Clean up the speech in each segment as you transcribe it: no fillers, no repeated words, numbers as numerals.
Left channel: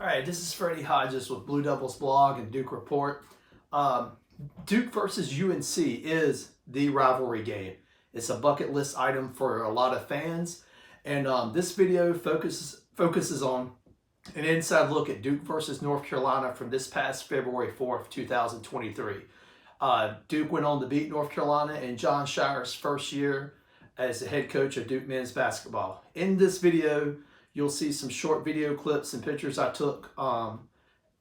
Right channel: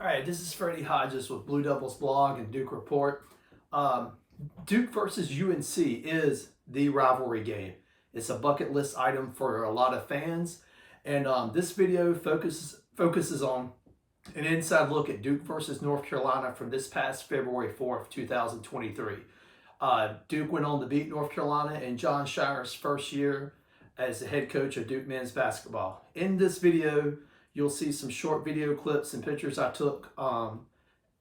All right, this is Freddie Hodges with Blue Devils Blog and Duke Report. Duke versus UNC is the rivalry game. It's a bucket list item for a lot of fans, and this video focuses on an inside look at Duke versus North Carolina from this past February 4th, 2023. Duke went on to beat North Carolina in John Shire's first year as the head coach of Duke men's basketball. In this video, you'll see some short video clips and pictures I took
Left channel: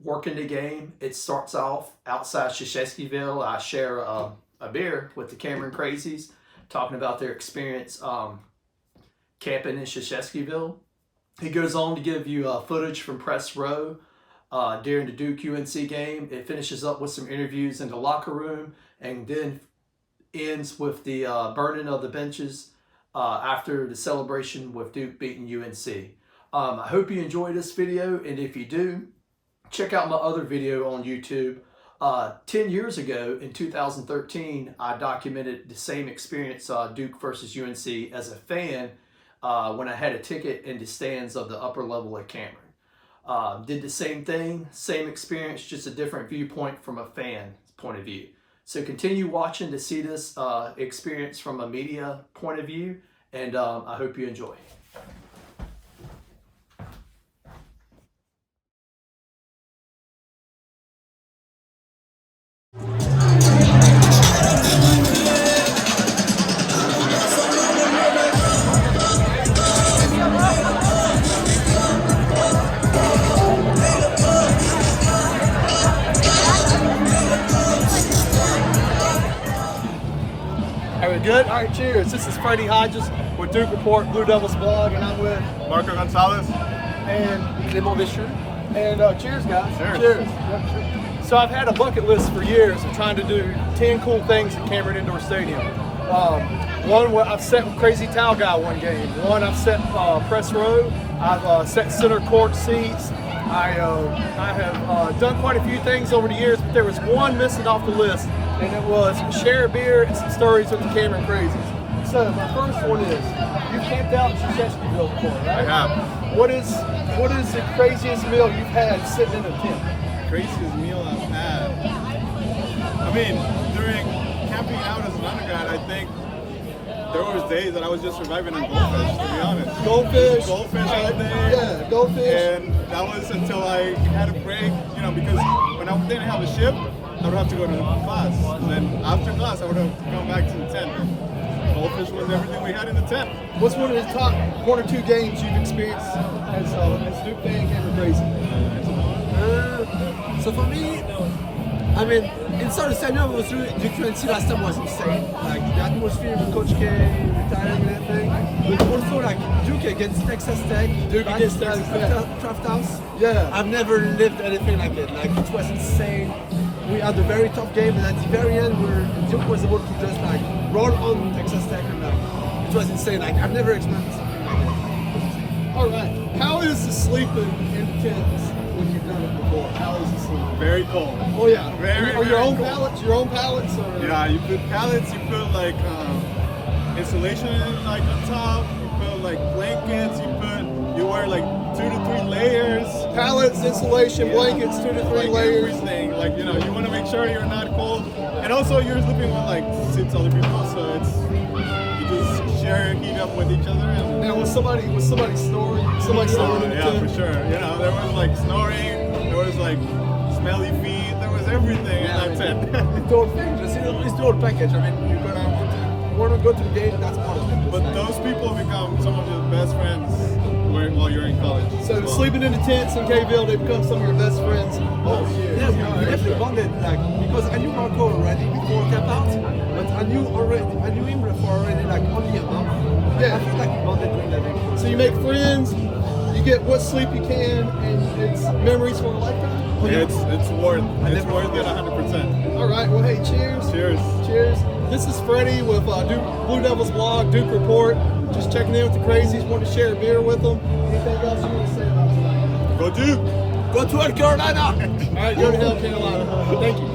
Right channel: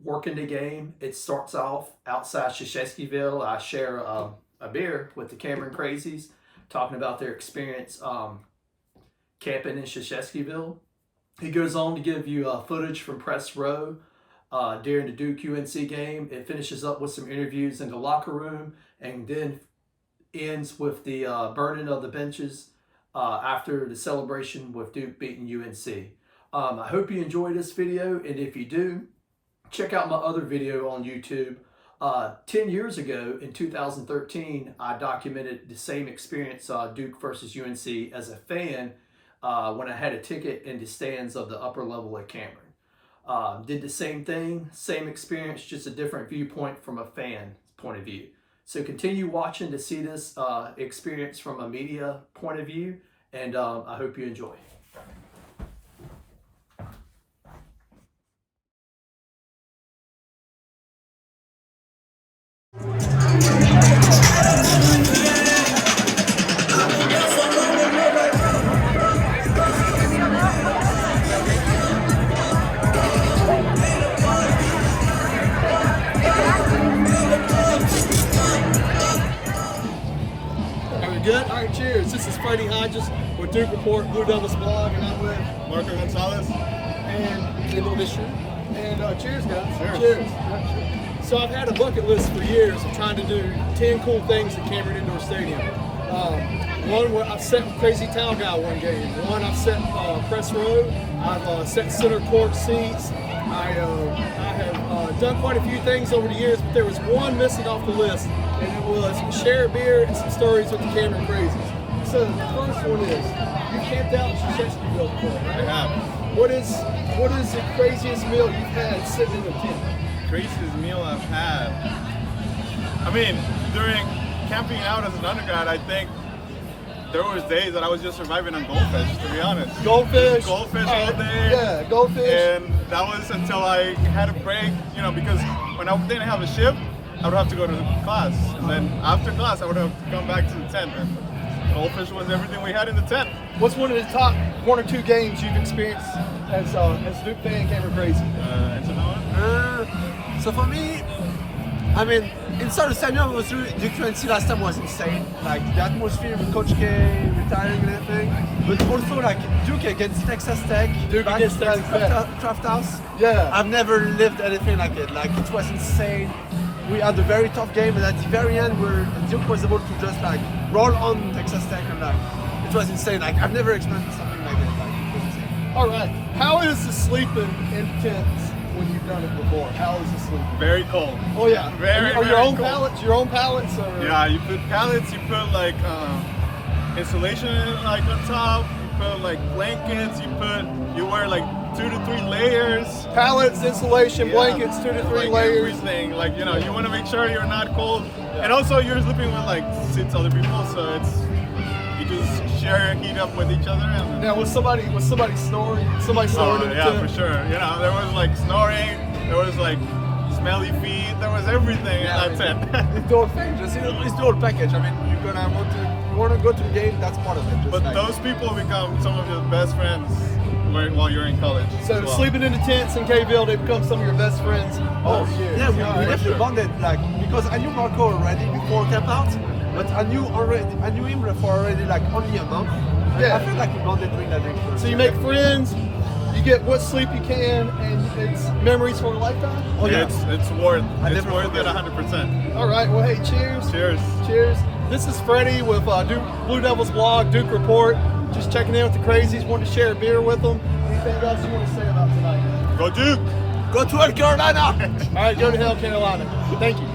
working the game. It starts off outside Krzyzewskiville. I share a beer with the Cameron Crazies, talking about their experience camping in Krzyzewskiville. He goes on to give you footage from press row during the Duke UNC game. It finishes up with some interviews in the locker room and then ends with the burning of the benches after the celebration with Duke beating UNC. I hope you enjoy this video, and if you do, check out my other video on YouTube. 10 years ago, in 2013, I documented the same experience, Duke versus UNC, as a fan when I had a ticket in the stands of the upper level at Cameron. Did the same thing, same experience, just a different viewpoint from a fan point of view. So continue watching to see this experience from a media point of view, and I hope you enjoy. Are we good? All right, cheers. This is Freddie Hodges with Duke Report, Blue Devils Blog, and I'm with Marco Gonzalez and Clement Deschamps. And cheers, guys. Cheers. Cheers. Yeah, cheers. So I've had a bucket list for years of trying to do 10 cool things at Cameron Indoor Stadium. One, I've set Crazy Towel Guy one game. One, I've set press row. I've set center court seats. I have done quite a few things over the years, but there was one missing off the list, and it was share a beer and some stories with the Cameron Crazies. So my first one is, you camped out in Krzyzewskiville before, right? I have. What is the craziest meal you've had sitting in a tent? Craziest meal I've had. I mean, during camping out as an undergrad, I think there was days that I was just surviving on goldfish, to be honest. Goldfish? Goldfish all day. Yeah, goldfish. And that was until I had a break, because when I didn't have a shift, I would have to go to class. And then after class, I would have to come back to the tent. And goldfish was everything we had in the tent. What's one of the top 1 or 2 games you've experienced as Duke fan Cameron Crazy? So for me, I mean, inside the stadium was Duke UNC last time was insane. Like the atmosphere with Coach K retiring and everything. But also like Duke against Texas Tech, Duke against Texas Tech. Draft House. Yeah. I've never lived anything like it. Like it was insane. We had a very tough game, and at the very end, where Duke was able to just like roll on Texas Tech, and like it was insane. Like I've never experienced something like it. Like, it was insane. All right. How is the sleeping in tents when you've done it before? How is the sleeping? Very cold. Oh yeah. Very, Are your very own cold. pallets? Your own pallets? Or? Yeah, you put pallets, you put like insulation like on top, you put like blankets, you wear like 2 to 3 layers. Pallets, insulation, blankets, 2 to 3 like layers. Everything. Like, you want to make sure you're not cold. And also you're sleeping with like 6 other people, so you just share heat up with each other. And Now was somebody snoring? Somebody snoring in the yeah, tent? for sure. There was like snoring, there was like smelly feet, there was everything in that tent. It's the whole thing. It's the whole package. I mean, you're gonna want to go to the game. That's part of it. Just But like, those people become some of your best friends while you're in college. So sleeping in the tents in Kville, they become some of your best friends over the years. yeah, we All right. definitely bonded. Like because I knew Marco already before camp out, but I knew him for already like only a month. Yeah. I felt like we bonded during that day. So you make friends, you get what sleep you can, and it's memories for a lifetime. Oh, yeah. It's worth I it's never worth it forget. 100%. All right. Well, hey, cheers. Cheers. Cheers. This is Freddie with Duke Blue Devils Blog, Duke Report. Just checking in with the Crazies. Wanted to share a beer with them. Anything else you want to say about tonight? Go Duke! Go to North Carolina. All right, go to hell, Carolina. Thank you.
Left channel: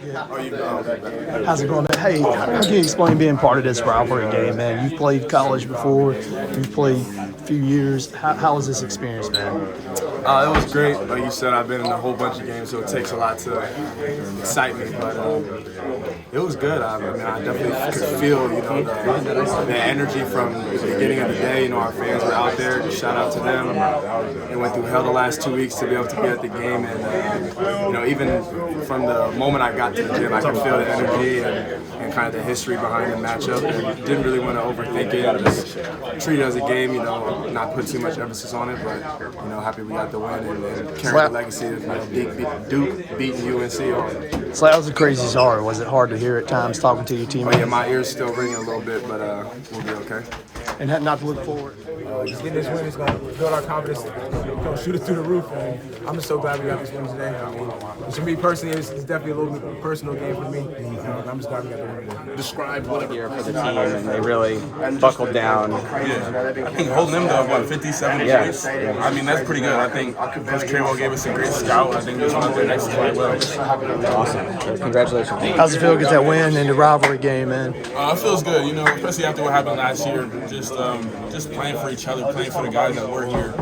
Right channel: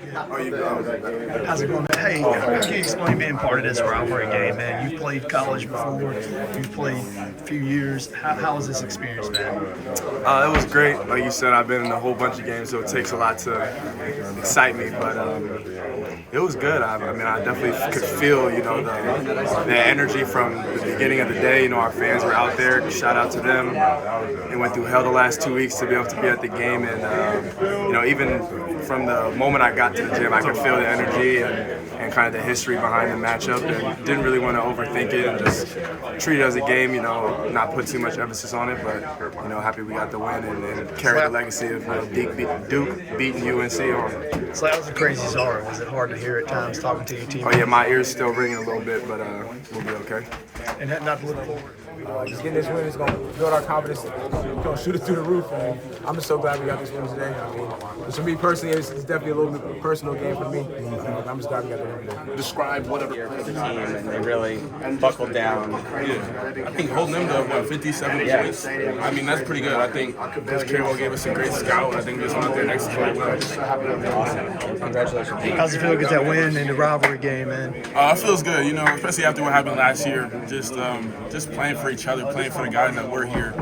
How's it going, man? Hey, how can you explain being part of this rivalry game, man? You've played college before. You've played a few years. How was this experience, man? It was great. Like you said, I've been in a whole bunch of games, so it takes a lot to excite me. But it was good. I mean, I definitely could feel, the energy from the beginning of the day. Our fans were out there. Shout out to them. They went through hell the last 2 weeks to be able to be at the game, and even from the moment I got to the gym, I could feel the energy and kind of the history behind the matchup, and didn't really want to overthink it and just treat it as a game. Not put too much emphasis on it, but happy we got the win and carry the legacy of Duke beating UNC on. So that was a crazy start. Was it hard to hear at times talking to your team? Oh yeah, my ears still ringing a little bit, but we'll be okay. And not to look forward. Just getting this win is going to build our confidence. It's going to shoot it through the roof. And I'm just so glad we got this win today. I mean, for me personally, it's definitely a little bit of a personal game for me. I'm just glad we got the win today. Describe whatever for the team. They really buckled down. Yeah, I think holding them to 57 points. I mean, that's pretty good. I think Coach Kramer gave us a great scout. I think we just went out there and executed well. Congratulations. How's it feel to get that win in the rivalry game, man? It feels good, especially after what happened last year. Just playing for each other, playing for the guys that were here.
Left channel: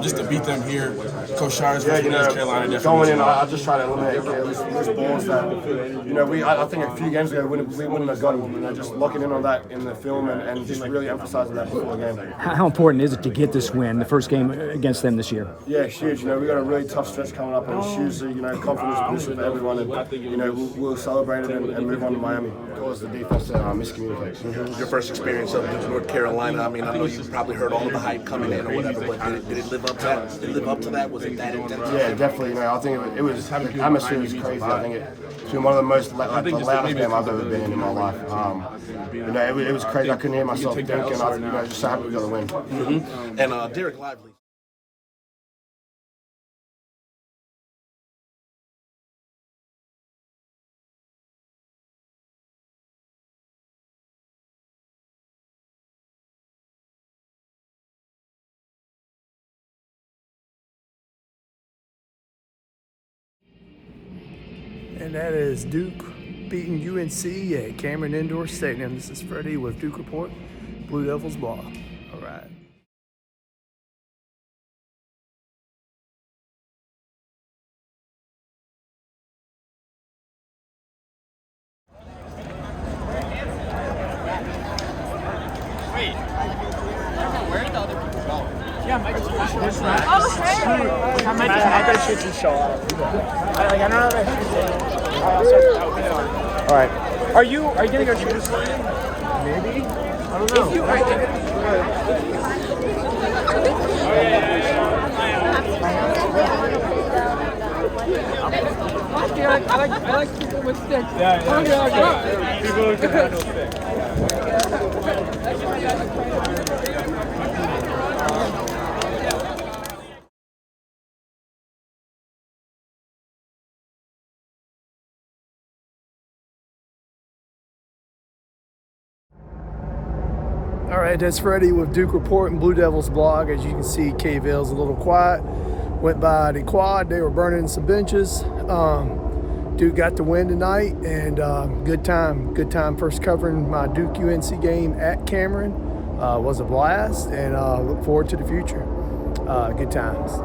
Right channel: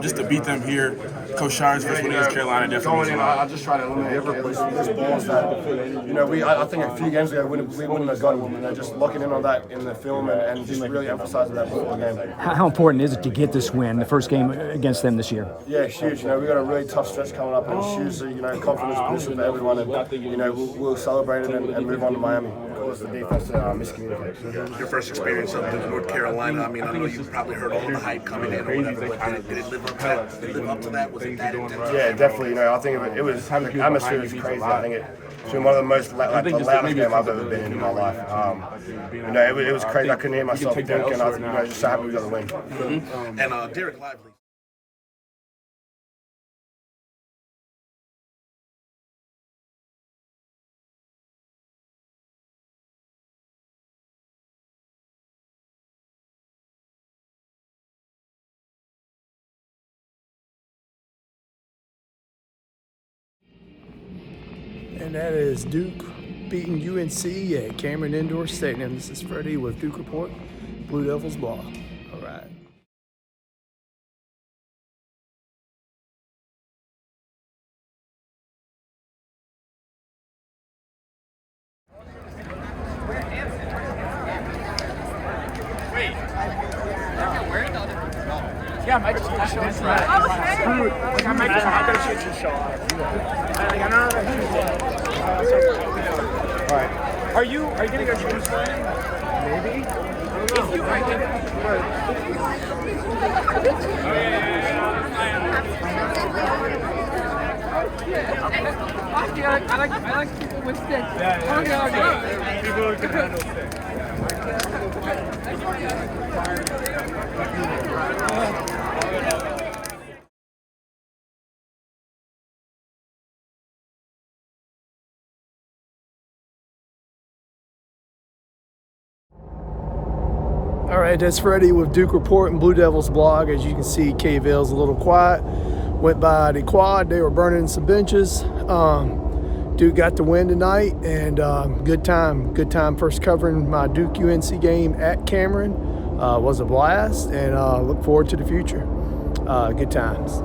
Just to beat them here. Coach Shar's first win against Carolina definitely. I just try to eliminate those balls that I think a few games ago we wouldn't have gotten. Just locking in on that in the film and just really emphasizing that before the game. How important is it to get this win, the first game against them this year? Yeah, it's huge. We got a really tough stretch coming up, and it's huge. Confidence booster for everyone, and we'll celebrate it and move on to Miami. Cause the defense miscommunication. Your first experience of North Carolina. I mean, I know you probably heard all of the hype coming in or whatever, but did it live up to that? Did it live up to that? Was it that intense? Yeah, definitely. I think it was the atmosphere was crazy. I think it's been one of the most the loudest game I've ever been in my life. It was crazy. I couldn't hear myself think, and I just so happy we got the win. Mm-hmm. And Derek Lively. And that is Duke beating UNC at Cameron Indoor Stadium. This is Freddie with Duke Report, Blue Devils Ball. All right. Yeah, I might just watch this one. I might just not go to shoot some shot. Like, I don't know who's what. All right. Are you getting a juice line? Maybe. If you are getting. I like people with sticks. Yeah. People with sticks. All right, that's Freddie with Duke Report and Blue Devils Blog. As you can see, Kville's a little quiet. Went by the quad. They were burning some benches. Duke got the win tonight, and good time. Good time first covering my Duke UNC game at Cameron. Was a blast, and look forward to the future. Good times.